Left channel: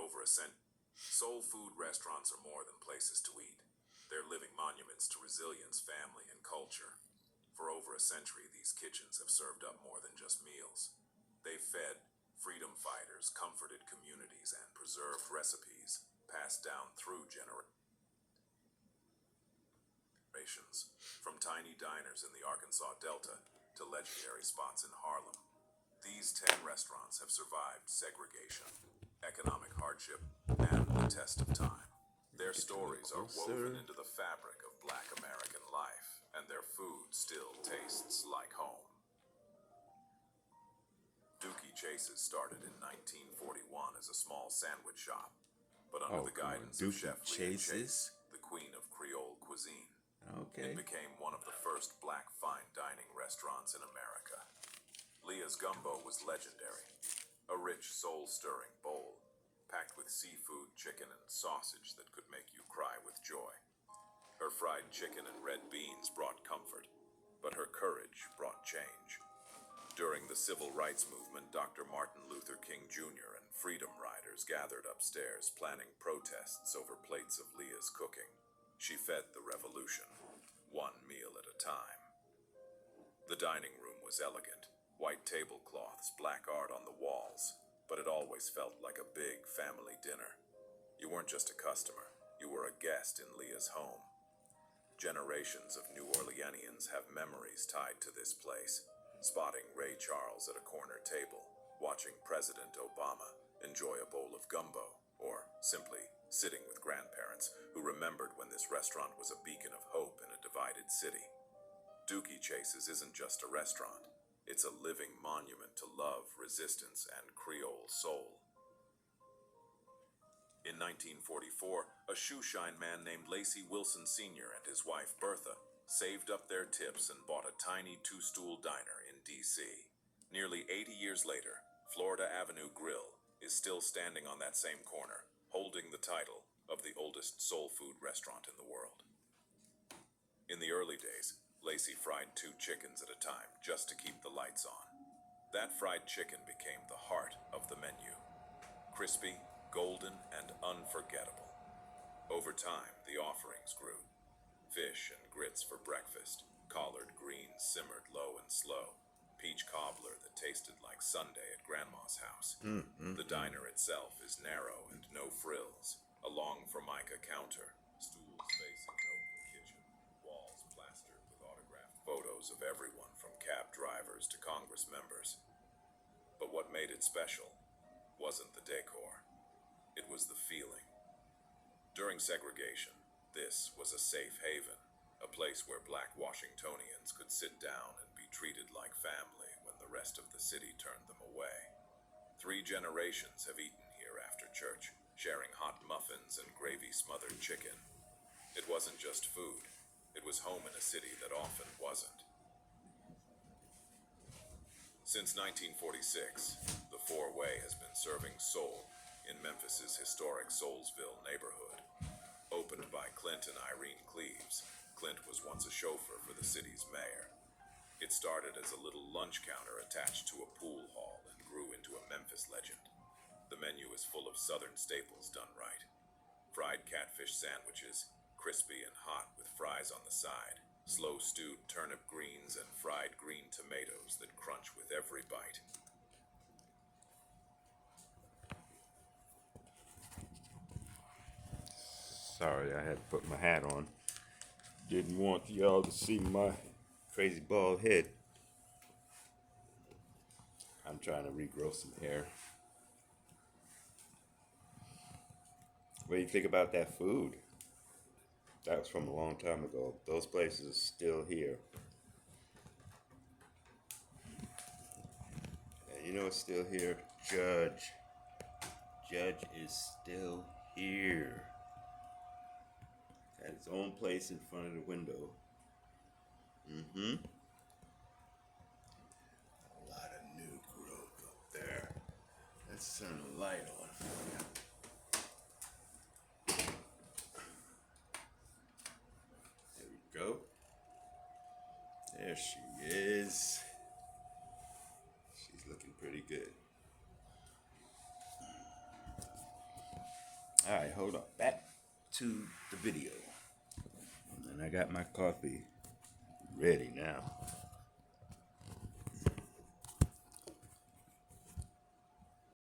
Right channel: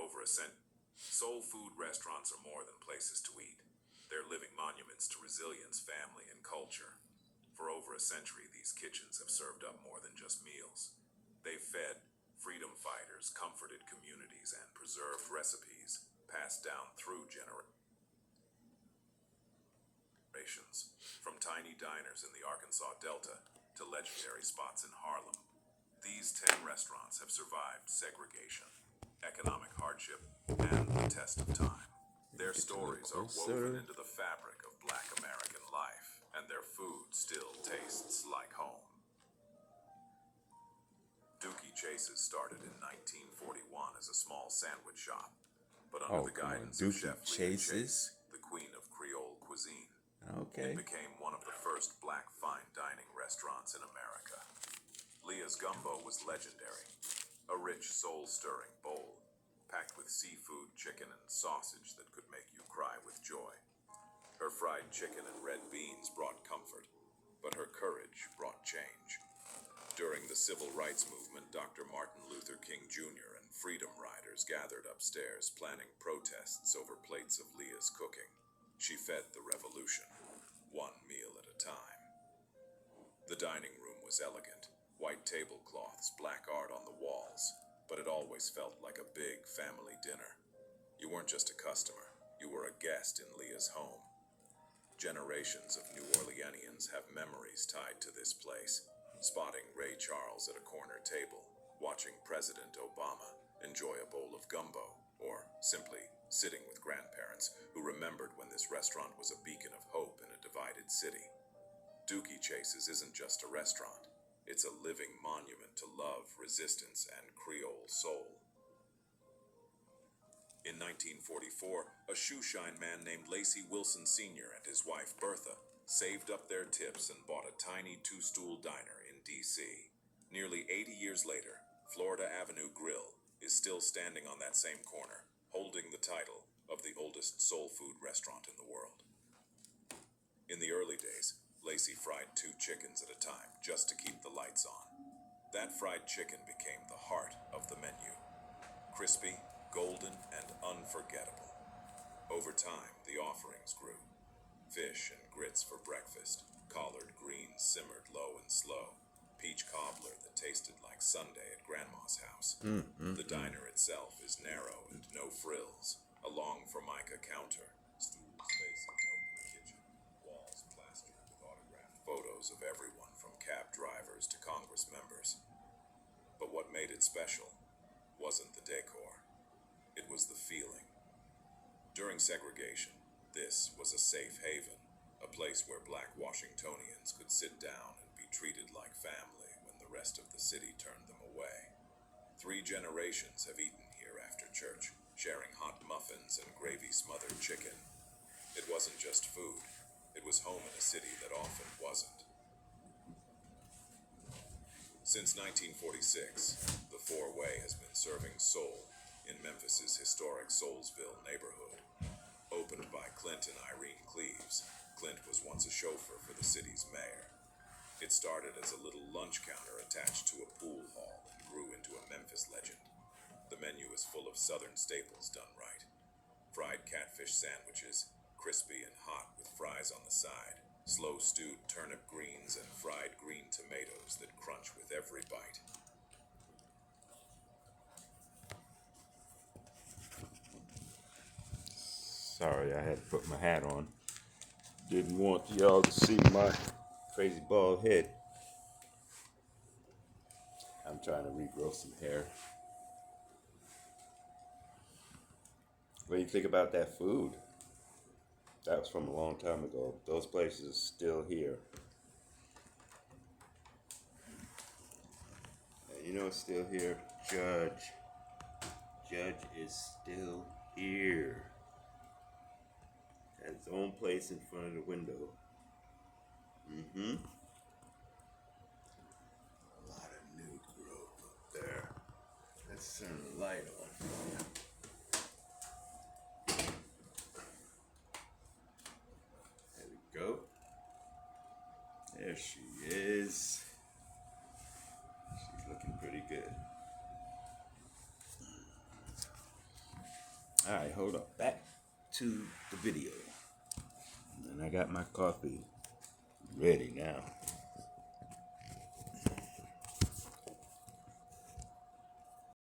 over a century. Soul food restaurants are more than places to eat. They're living monuments to resilience, family, and culture. For over a century, these kitchens have served up more than just meals. They've fed freedom fighters, comforted communities, and preserved recipes passed down through generations. From tiny diners in the Arkansas Delta to legendary spots in Harlem, these 10 restaurants have survived segregation, economic hardship, and the test of time. Their stories are woven into the fabric of Black American life, and their food still tastes like home. Dooky Chase's started in 1941 as a small sandwich shop, but under the guidance of Chef Leah Chase, the queen of Creole cuisine, it became one of the first Black fine dining restaurants in America. Leah's gumbo was legendary, a rich, soul-stirring bowl, packed with seafood, chicken, and sausage that could make you cry with joy. Her fried chicken and red beans brought comfort, but her courage brought change. During the Civil Rights Movement, Dr. Martin Luther King Jr. and Freedom Riders gathered upstairs planning protests over plates of Leah's cooking. She fed the revolution, one meal at a time. The dining room was elegant, white tablecloths, black art on the walls, but it always felt like a big family dinner. You weren't just a customer, you were a guest in Leah's home. Generations of New Orleanians have memories tied to this place, spotting Ray Charles at a corner table, watching President Obama enjoy a bowl of gumbo, or simply sitting with grandparents who remembered when this restaurant was a beacon of hope in a divided city. Dooky Chase's isn't just a restaurant, it's a living monument to love, resistance, and Creole soul. In 1944, a shoeshine man named Lacey Wilson Sr. and his wife Bertha saved up their tips and bought a tiny two-stool diner in D.C. Nearly 80 years later, Florida Avenue Grill is still standing on that same corner, holding the title of the oldest soul food restaurant in the world. In the early days, Lacey fried 2 chickens at a time just to keep the lights on. That fried chicken became the heart of the menu. Crispy, golden, and unforgettable. Over time, the offerings grew. Fish and grits for breakfast, collard greens simmered low and slow, peach cobbler that tasted like Sunday at Grandma's house. The diner itself is narrow and no frills, a long formica counter, stools facing an open kitchen, walls plastered with autographed photos of everyone from cab drivers to Congress members. But what made it special wasn't the decor. It was the feeling. During segregation, this was a safe haven, a place where Black Washingtonians could sit down and be treated like family when the rest of the city turned them away. 3 generations have eaten here after church, sharing hot muffins and gravy-smothered chicken. It wasn't just food. It was home in a city that often wasn't. Since 1946, the Four Way has been serving soul in Memphis's historic Soulsville neighborhood. Opened by Clint and Irene Cleaves, Clint was once a chauffeur for the city's mayor. It started as a little lunch counter attached to a pool hall and grew into a Memphis legend. The menu is full of southern staples done right. Fried catfish sandwiches, crispy and hot with fries on the side, slow stewed turnip greens, and fried green tomatoes that crunch with every bite. Sorry, I had to put my hat on. Didn't want y'all to see my crazy bald head. I'm trying to regrow some hair. What do you think about that food? That was from a long time ago. Those places are still here. And you know what's still here? Judge. Judge is still here. Had his own place in front of the window. A lot of new growth up there. Let's turn the light on for you. There we go. There she is. She's looking pretty good. hold on. Back to the video. And I got my coffee ready now.